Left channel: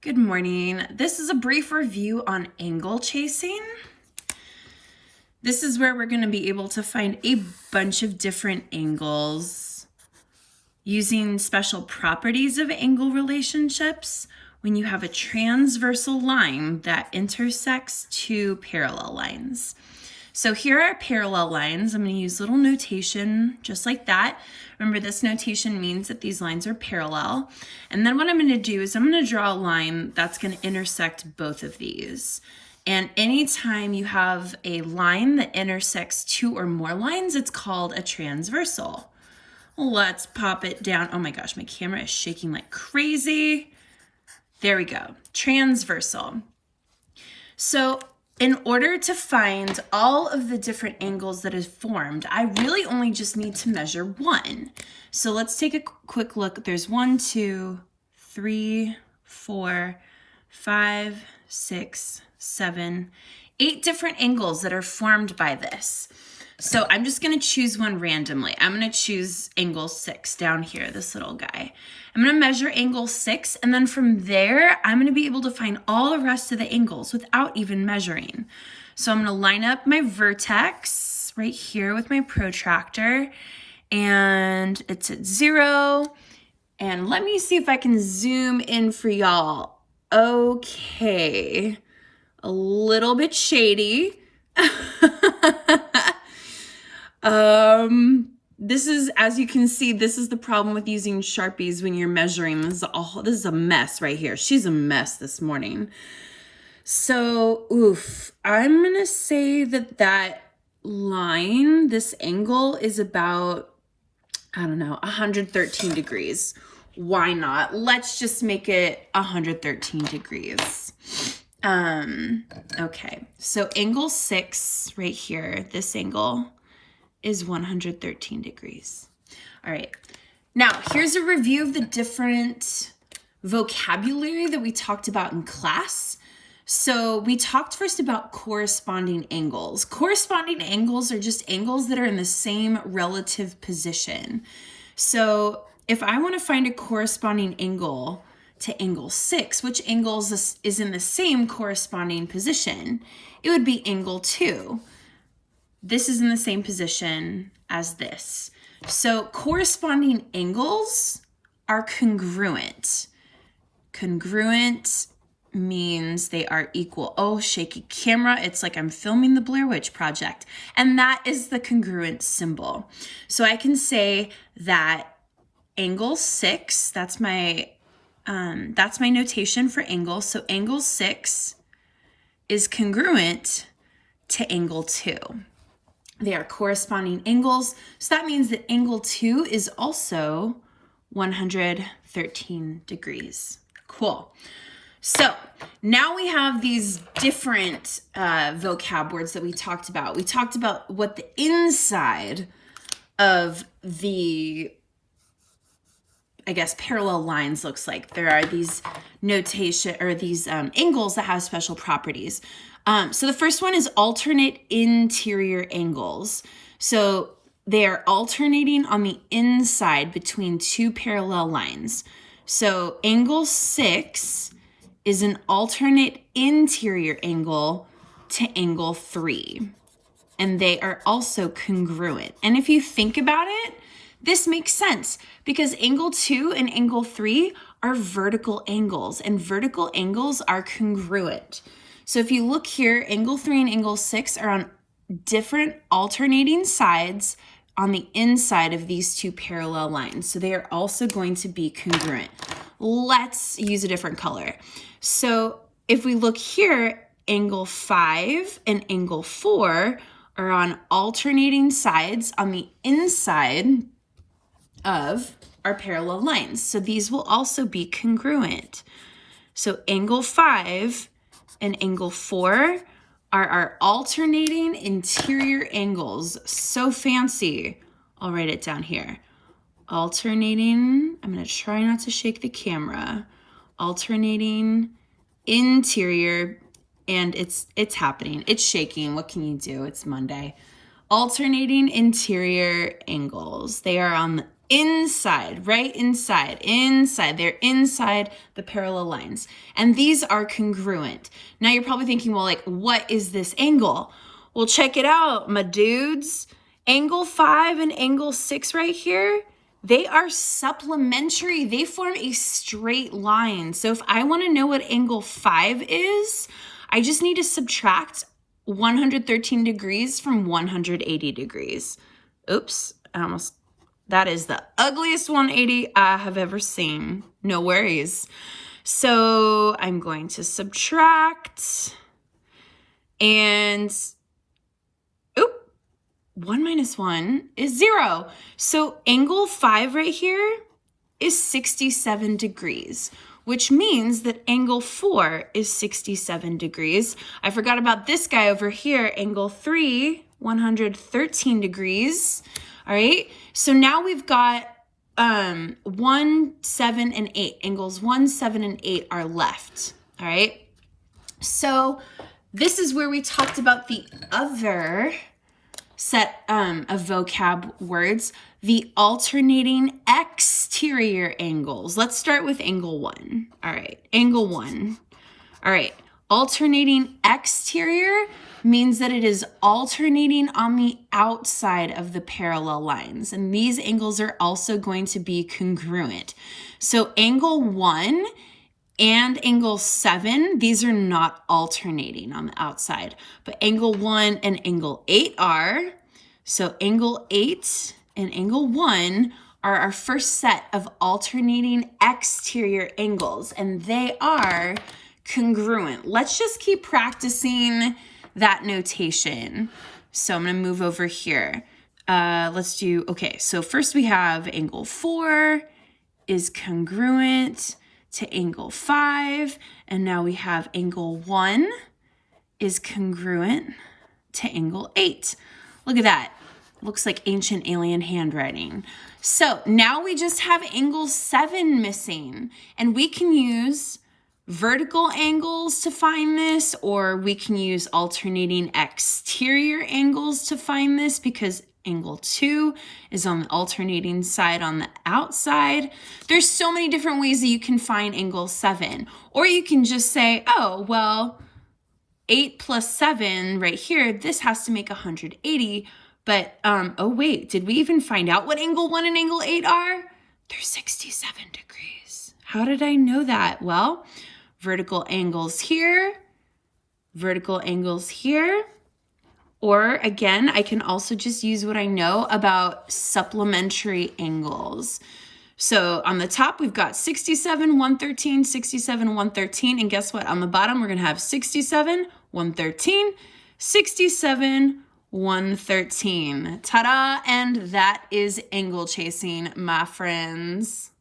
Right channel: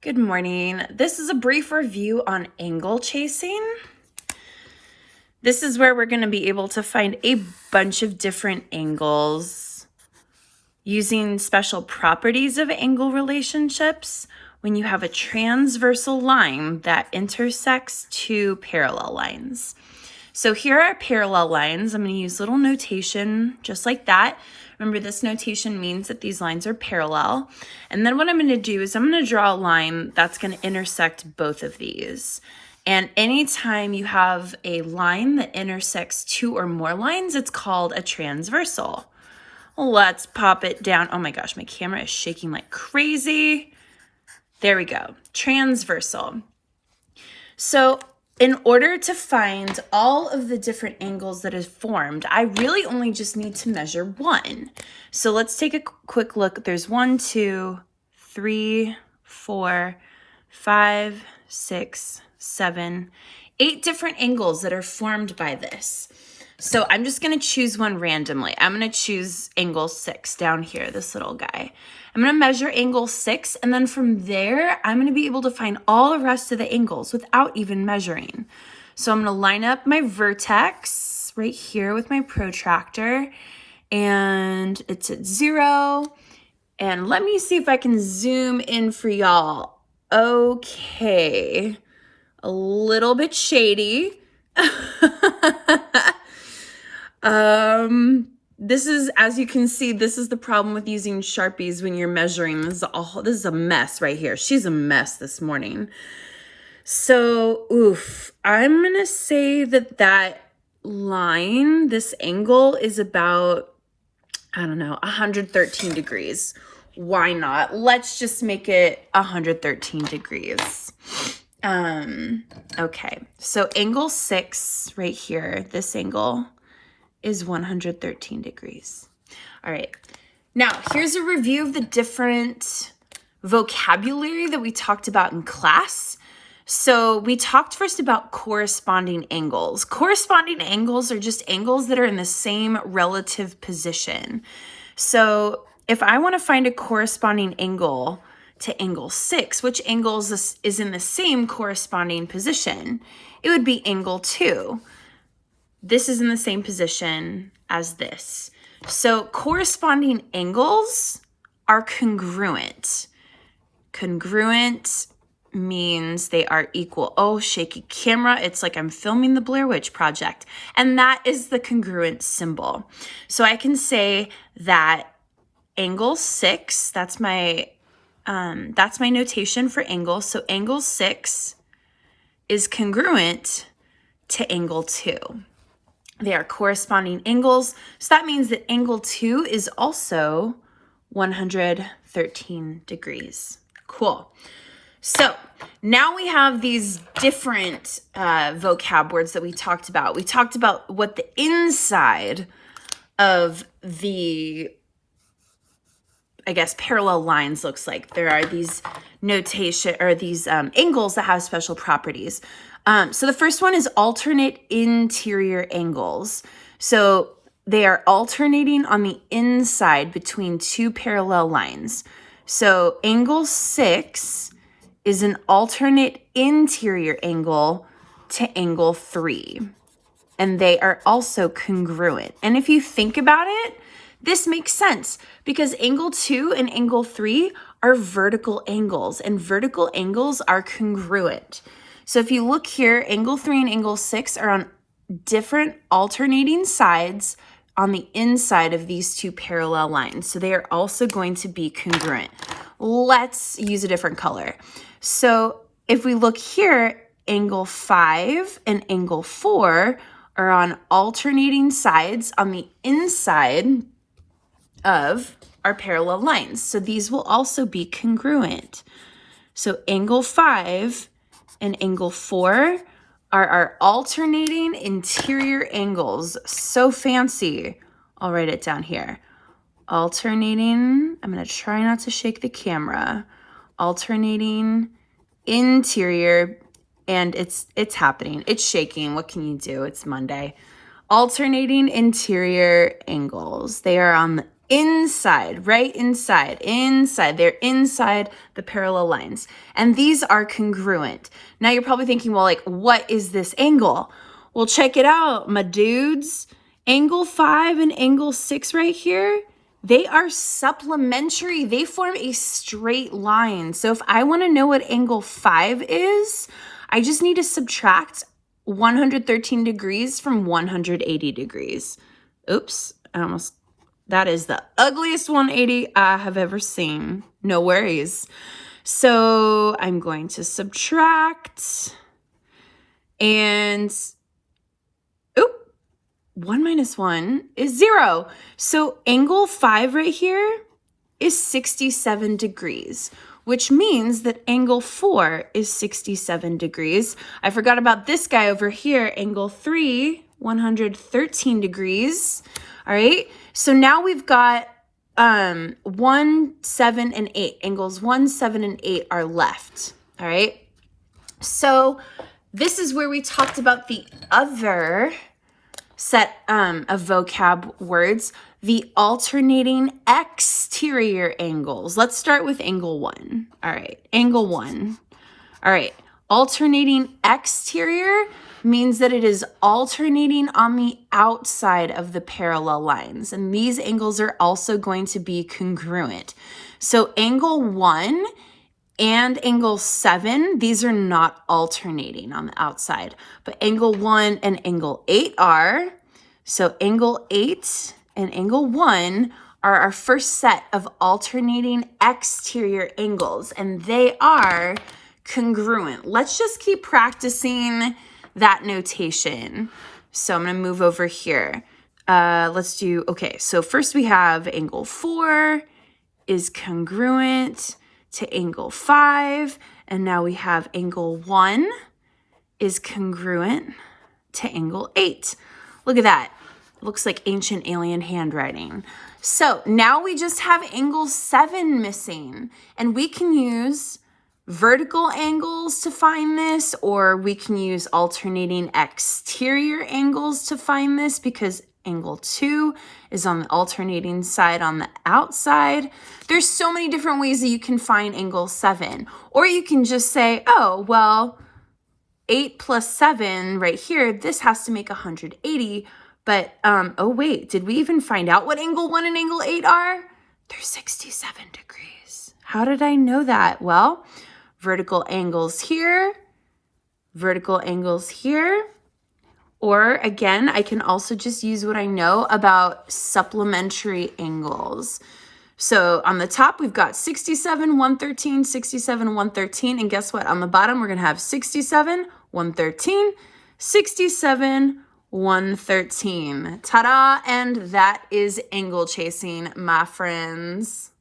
Good morning. This is a brief review on angle chasing. This is where we're going to be able to find a bunch of different angles using special properties of angle relationships when you have a transversal line that intersects two parallel lines. So here are parallel lines. I'm going to use little notation just like that. Remember, this notation means that these lines are parallel. And then what I'm going to do is I'm going to draw a line that's going to intersect both of these. And anytime you have a line that intersects two or more lines, it's called a transversal. Let's pop it down. Oh my gosh, my camera is shaking like crazy. There we go. Transversal. So in order to find all of the different angles that is formed, I really only just need to measure one. So let's take a quick look. There's 1, 2, 3, 4, 5, 6, 7, 8 different angles that are formed by this. So I'm just going to choose one randomly. I'm going to choose angle 6 down here, this little guy. I'm going to measure angle 6, and then from there, I'm going to be able to find all the rest of the angles without even measuring. So I'm going to line up my vertex right here with my protractor, and it's at 0. And let me see if I can zoom in for y'all. Okay, a little bit shady. This is, as you can see, this is the problem with using Sharpies when you're measuring. This is a mess right here. She's a mess this morning. So, I'm gonna say that line, this angle is about, 113 degrees. Why not? Let's just make it 113 degrees. Okay, so angle 6 right here, this angle is 113 degrees. All right, now here's a review of the different vocabulary that we talked about in class. So we talked first about corresponding angles. Corresponding angles are just angles that are in the same relative position. So if I want to find a corresponding angle to angle 6, which angle is in the same corresponding position? It would be angle 2. This is in the same position as this. So corresponding angles are congruent. Congruent means they are equal. Oh, shaky camera. It's like I'm filming the Blair Witch Project. And that is the congruent symbol. So I can say that angle 6, that's my notation for angle. So angle 6 is congruent to angle 2. They are corresponding angles. So that means that angle 2 is also 113 degrees. Cool. So now we have these different vocab words that we talked about. We talked about what the inside of the, parallel lines looks like. There are these notation or these angles that have special properties. So the first one is alternate interior angles. So they are alternating on the inside between two parallel lines. So angle 6 is an alternate interior angle to angle 3. And they are also congruent. And if you think about it, this makes sense because angle 2 and angle 3 are vertical angles, and vertical angles are congruent. So if you look here, angle 3 and angle 6 are on different alternating sides on the inside of these two parallel lines. So they are also going to be congruent. Let's use a different color. So if we look here, angle 5 and angle 4 are on alternating sides on the inside of our parallel lines. So these will also be congruent. So angle 5 and angle 4 are our alternating interior angles. So fancy. I'll write it down here. Alternating, I'm going to try not to shake the camera. Alternating interior, and it's happening. It's shaking. What can you do? It's Monday. Alternating interior angles. They are on the inside, right? Inside. They're inside the parallel lines. And these are congruent. Now you're probably thinking, well, like, what is this angle? Well, check it out, my dudes. Angle 5 and angle 6 right here, they are supplementary. They form a straight line. So if I want to know what angle 5 is, I just need to subtract 113 degrees from 180 degrees. Oops, that is the ugliest 180 I have ever seen. No worries. So I'm going to subtract, and 1 minus 1 is 0. So angle 5 right here is 67 degrees, which means that angle 4 is 67 degrees. I forgot about this guy over here, angle 3, 113 degrees. All right, so now we've got 1, 7, and 8. Angles 1, 7, and 8 are left. All right, so this is where we talked about the other set of vocab words, the alternating exterior angles. Let's start with angle 1. All right, angle 1. All right, alternating exterior means that it is alternating on the outside of the parallel lines. And these angles are also going to be congruent. So angle 1 and angle 7, these are not alternating on the outside, but angle 1 and angle 8 are. So angle 8 and angle 1 are our first set of alternating exterior angles, and they are congruent. Let's just keep practicing that notation. So I'm going to move over here. Let's do, okay, so first we have angle 4 is congruent to angle 5, and now we have angle 1 is congruent to angle 8. Look at that. Looks like ancient alien handwriting. So now we just have angle 7 missing, and we can use vertical angles to find this, or we can use alternating exterior angles to find this, because angle 2 is on the alternating side on the outside. There's so many different ways that you can find angle 7. Or you can just say, oh, well, 8 plus 7 right here, this has to make 180. But, oh wait, did we even find out what angle 1 and angle 8 are? They're 67 degrees. How did I know that? Well, vertical angles here, vertical angles here. Or again, I can also just use what I know about supplementary angles. So on the top, we've got 67, 113, 67, 113. And guess what? On the bottom, we're going to have 67, 113, 67, 113. Ta-da! And that is angle chasing, my friends.